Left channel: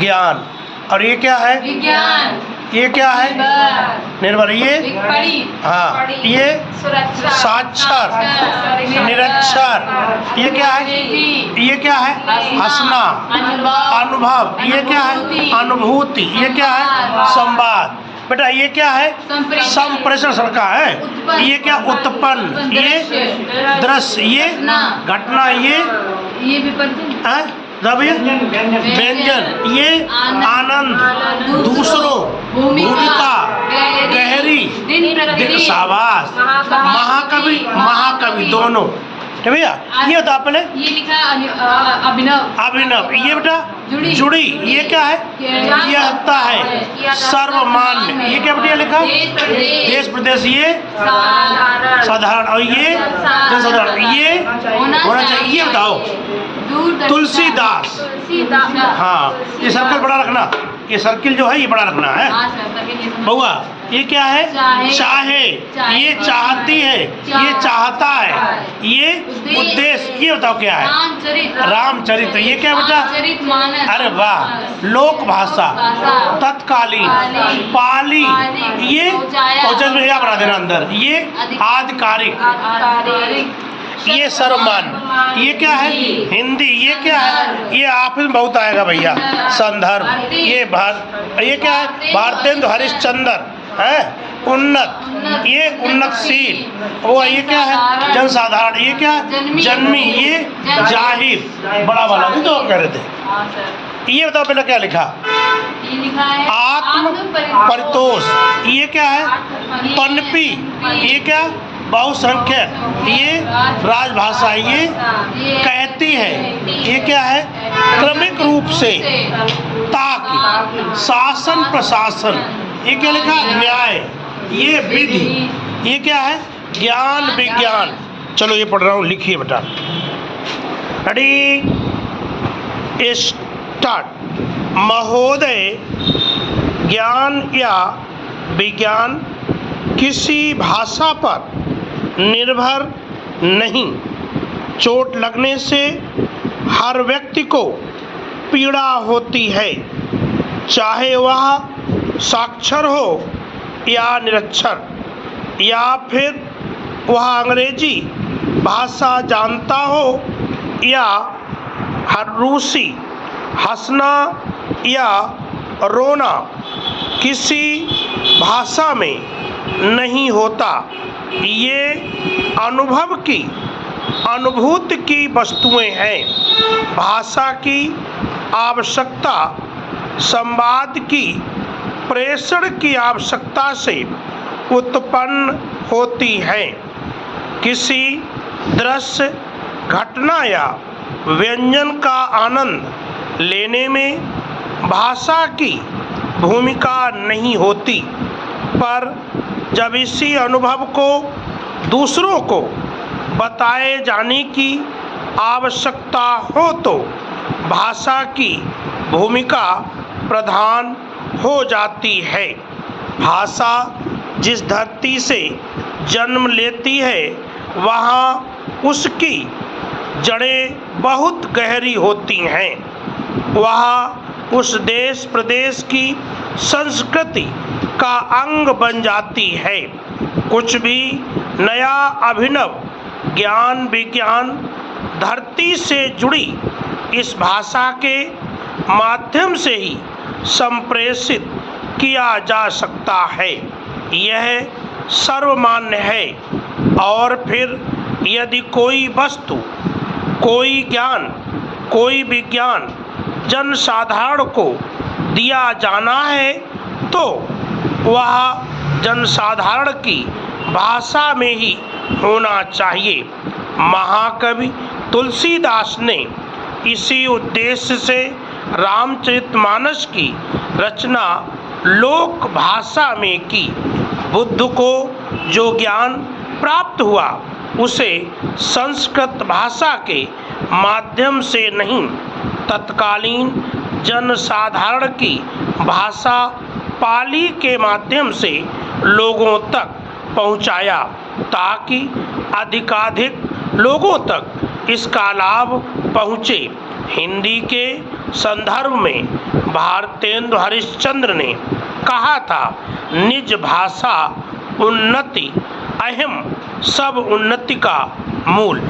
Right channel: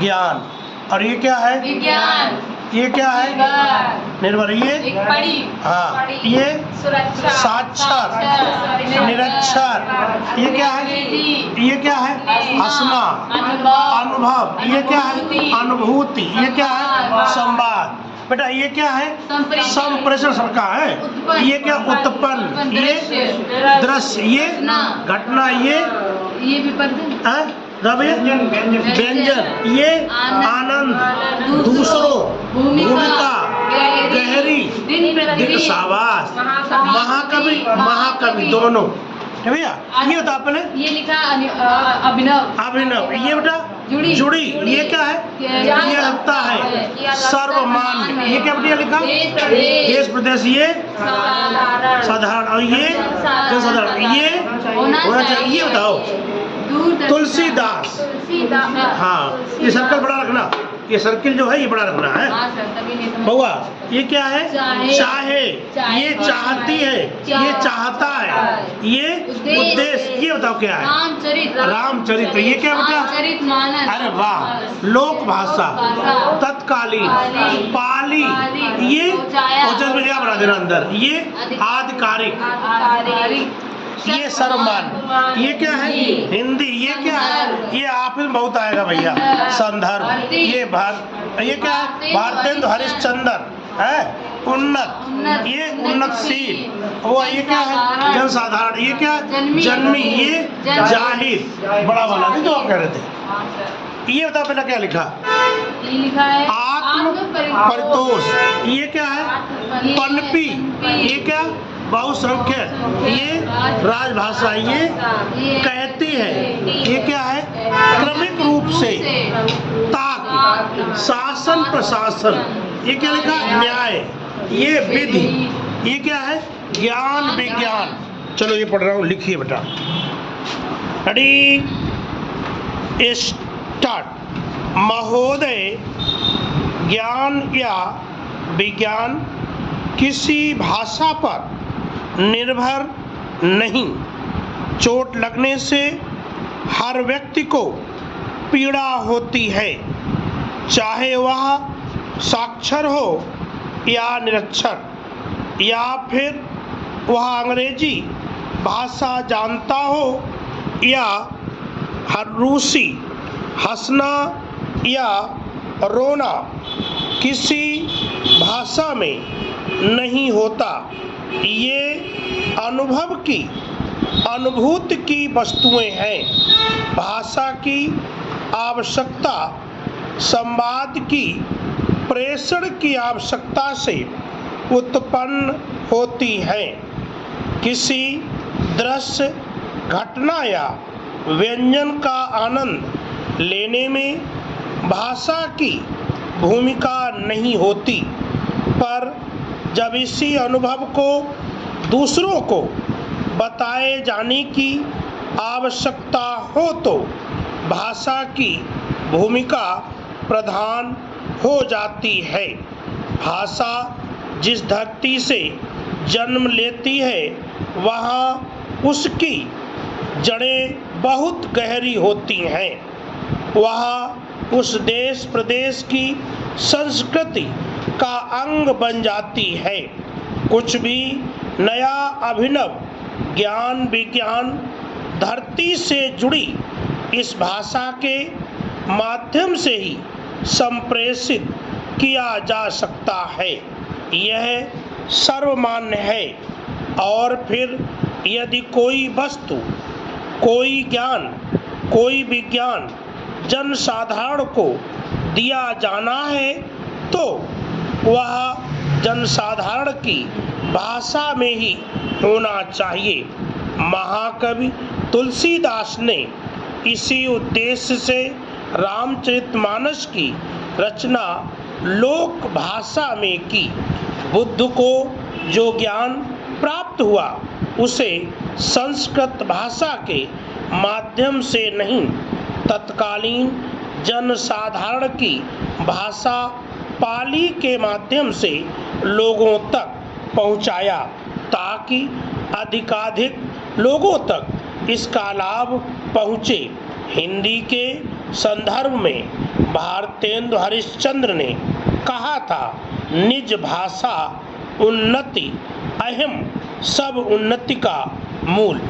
ज्ञान। और ये क्या है? विज्ञान। ये क्या है? निर्भर। ये हाँ, ये साक्षर, निरक्षर। ये क्या है? ये क्या है? हंसना, अनुभव। ये क्या है? अनुभूति। ये क्या है? संवाद। बेटा ये क्या है? संप्रेषण का है। ये क्या? उत्पन्न। ये दृश्य। ये घटना। ये विपर्जन, व्यंजन। ये आनंद, दूसरों, भूमिका, गहरी, शाबाश, महाकवि दोनों। तो भैया ये होता आपने ये लिखा अभिनव। ये बेटा जुड़ी। ये क्या है? ये होता है सर्वमान्य। ये क्या बेटा लिखा? देश प्रदेश। ये साधारण। और ये जनसाधारण। ये होना चाहिए। ये बताओ तुलसीदास। हाँ, ये सर्कल बड़ा रखना। ये सर्किल जो है ये बड़ा रखना है बउआ। ये क्या है? चाहे। ये चाहती है। ये चाहता है। ये उद्देश्य। ये बताओ क्या है? रामचरित्र। ये क्या बेटा? अरे वाह। लोक भाषा, तत्कालीन, पाली। ये क्या बना देना अंदर? ये आधिकारिक। ये सर्वमान्य। ये क्या है? हिंदी। ये क्या है? ये आप में बहुत आएगा भैया। संदर्भ। ये क्या है? भारतेंदु हरिश्चंद्र है। उन्नत। ये उन्नतशील। वो ये क्या है? जनसाधारण। ये क्या? जन्मी। ये जाहिर, बड़ा वाला नहीं तो आप कह रहे थे। ये बताओ पहले क्या लिखा? आत्म परितोष। ये क्या है? पनपी। ये क्या? बहुसंख्यक। ये राजभाषा। ये कहती है। ये क्या है? क्रमिक रूप से, ताकि, शासन प्रशासन। ये क्या लिखा? न्याय। ये विधि। ये क्या है? ज्ञान विज्ञान। चलो ये पढ़ रहा हूँ, लिखिए बेटा। Ready, start. महोदय, ज्ञान या विज्ञान किसी भाषा पर निर्भर नहीं। चोट लगने से हर व्यक्ति को पीड़ा होती है, चाहे वह साक्षर हो या निरक्षर, या फिर वह अंग्रेजी भाषा जानता हो या हर रूसी। हंसना या रोना किसी भाषा में नहीं होता। ये अनुभव की, अनुभूति की वस्तुएं हैं। भाषा की आवश्यकता संवाद की, प्रेषण की आवश्यकता से उत्पन्न होती है। किसी दृश्य, घटना या व्यंजन का आनंद लेने में भाषा की भूमिका नहीं होती, पर जब इसी अनुभव को दूसरों को बताए जाने की आवश्यकता हो तो भाषा की भूमिका प्रधान हो जाती है। भाषा जिस धरती से जन्म लेती है वहाँ उसकी जड़ें बहुत गहरी होती हैं। वह उस देश प्रदेश की संस्कृति का अंग बन जाती है। कुछ भी नया अभिनव ज्ञान विज्ञान धरती से जुड़ी इस भाषा के माध्यम से ही संप्रेषित किया जा सकता है। यह सर्वमान्य है। और फिर यदि कोई वस्तु, कोई ज्ञान, कोई विज्ञान जनसाधारण को दिया जाना है तो वह जनसाधारण की भाषा में ही होना चाहिए। महाकवि तुलसीदास ने इसी उद्देश्य से रामचरितमानस की रचना लोक भाषा में की। बुद्ध को जो ज्ञान प्राप्त हुआ उसे संस्कृत भाषा के माध्यम से नहीं, तत्कालीन जनसाधारण की भाषा पाली के माध्यम से लोगों तक पहुंचाया, ताकि अधिकाधिक लोगों तक इसका लाभ पहुंचे। हिंदी के संदर्भ में भारतेंदु हरिश्चंद्र ने कहा था, निज भाषा उन्नति अहिम सब उन्नति का मूल।